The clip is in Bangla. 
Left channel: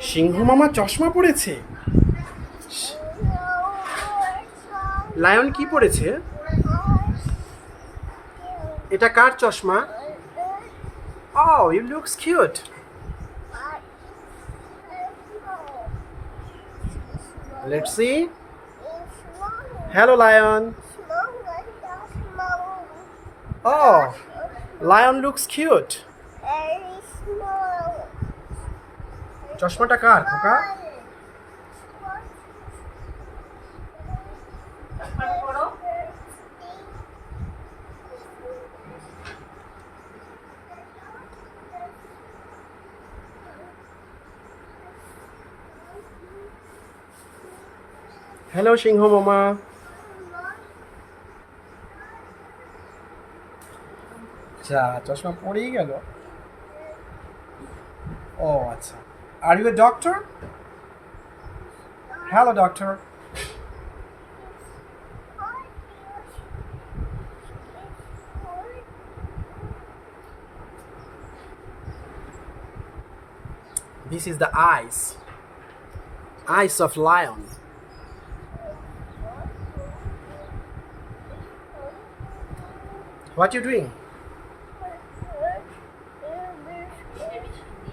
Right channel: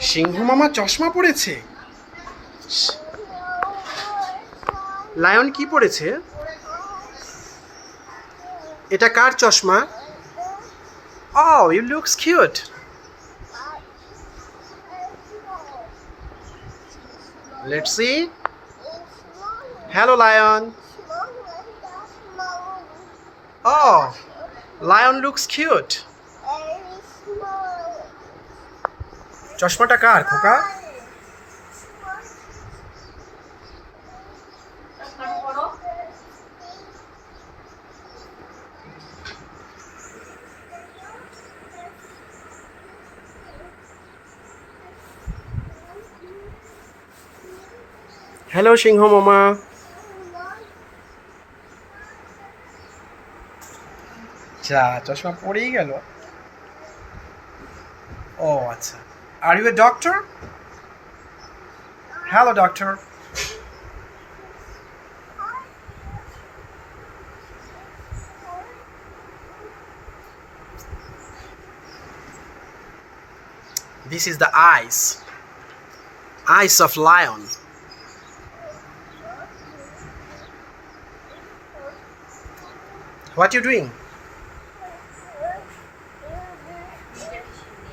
সিংহ মামা চশমা পড়েছে? লায়ন কি পড়েছে? এটা কার চশমা? ও you looks cute let's see hello lion oh lion looks cute চশমাটা কার খোকা? হ্যালো সিংহ মামা। যা চশমা পড়েই গেল। ও আচ্ছা। Are you a doctor? Hello, doctor. This is the eyes. Eyes of lion. What are you doing?